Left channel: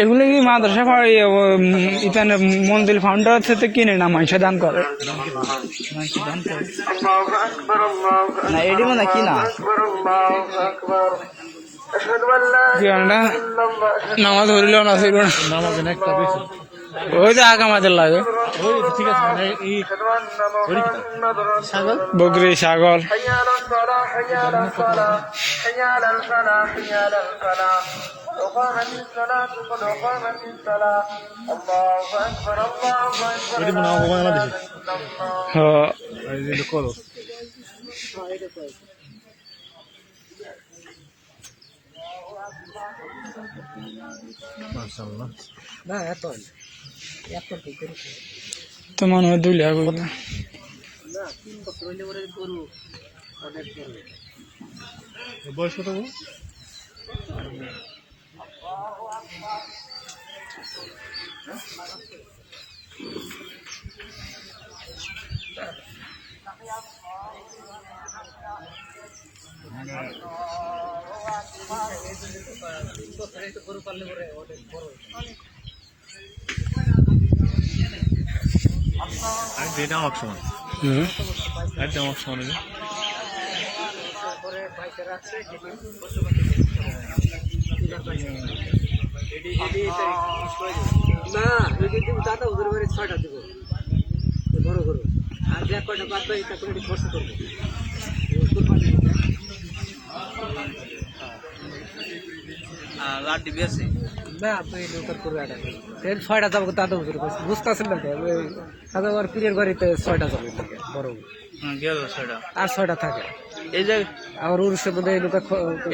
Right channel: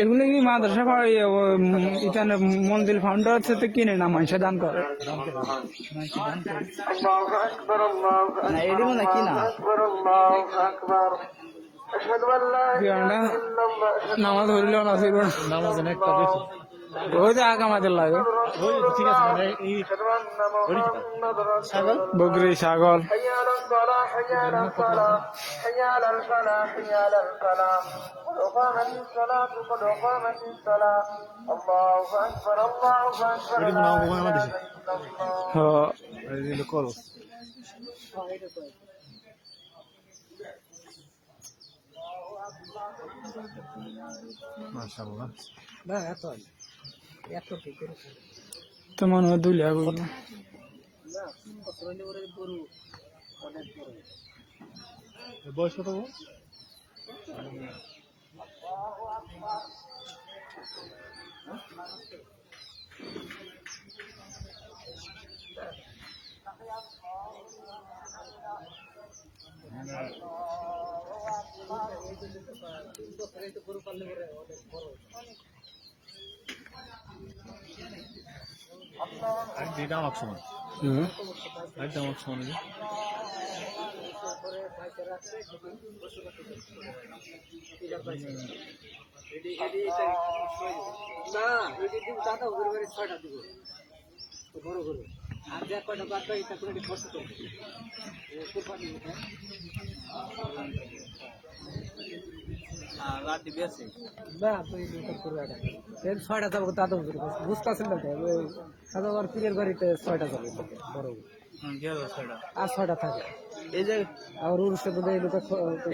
এগুলো কি মাদ্রাসা ইতানে মন্দির ফাউন্ডার থেকে কিনে না মাইসা দান করে না এডি মনে কি না নামাজ ধরিলেও না ছিল না ওই যে আগা মাঝে লাগে বকরি ছাগল তো মনে হয় 2 লাখ করে বয়স কত আমার সময় আমার সময় না দাদা ওদের বাড়ি 6টা দেবো বড় গরু আর যে কয়টা বাদ বাকি তা করে খরচ করবে লাড্ডি বেশি না তুই নৌকার করে আটা 6টা যাবো দাদা ওদের বুঝতে আসেন না দাদা আর পীরের বাড়িতে 6টা যাবে বড় গেল 6টা আর 6টা থাকে এই যে আমার উরুষের মধ্যে লোকা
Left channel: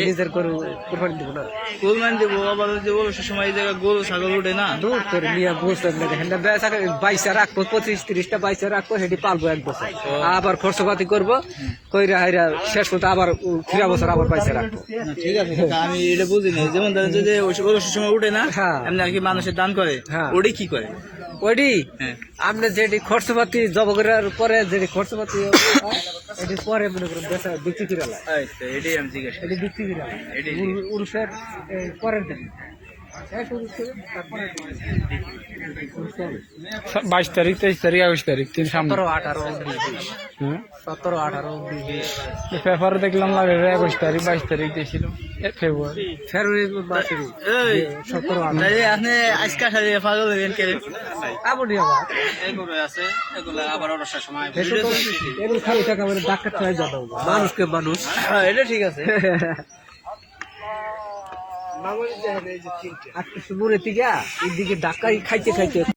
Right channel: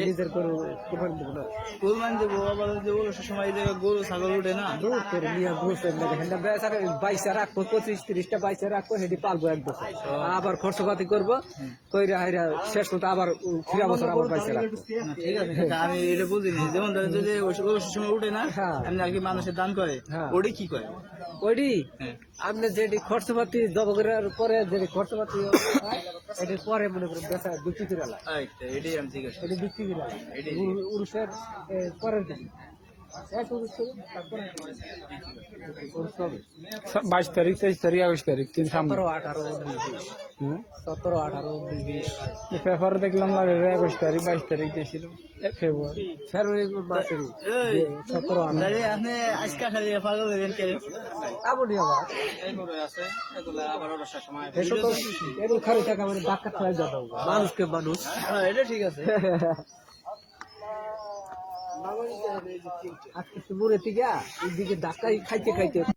নিজের করে কুরবানি দিব না কুরবানি দিব আবার যে উরুষের সময় এই জায়গা গরু ছাগল উঠে না দূর করে নিয়ে বসে হেন্ডা বেচা 22 রাখবো 25-30টা 22 রাখবো হেডি পালবো 1 বছর আবার খরচপাতি করবো কইরা হাইরা শেষ করতে আবার 3 বছর আবার 22 রাখবো ঠিক আছে আমি এটা বুঝি না যেমন ধরেন যে উরুষের সময় উঠে না এমনি আর কি মানুষের দান করে ওডি কি করে ওডি আপনি যেটি খরচপাতি জব করার পরে যেটি খরচপাতি এটি পরে মনে করেন বেচা বিক্রি করে লাগে এটাই আমি জিজ্ঞেস এটি বিক্রি করে এটি উরুষের পরের দিন 22 তারিখ 23 তারিখ 28 তারিখ 3 সামনে 17-18-19 পেপারে দেখলাম লাগে 21 তারিখ 22 তারিখ দিয়েছিল ফেব্রুয়ারি মাসে আপনি আজকে সাথে পাগল হলেন কে আপনি এগুলো আছে এগুলো আবার অবসর সময় এগুলো খালি টাকা মানে ডাক্তার হয়ে যাবে মানুষকে মানুষ এটা ঠিক আছে আজকে সুবুরে থেকে এদিকে ডাক্তার খাইতে খাইতে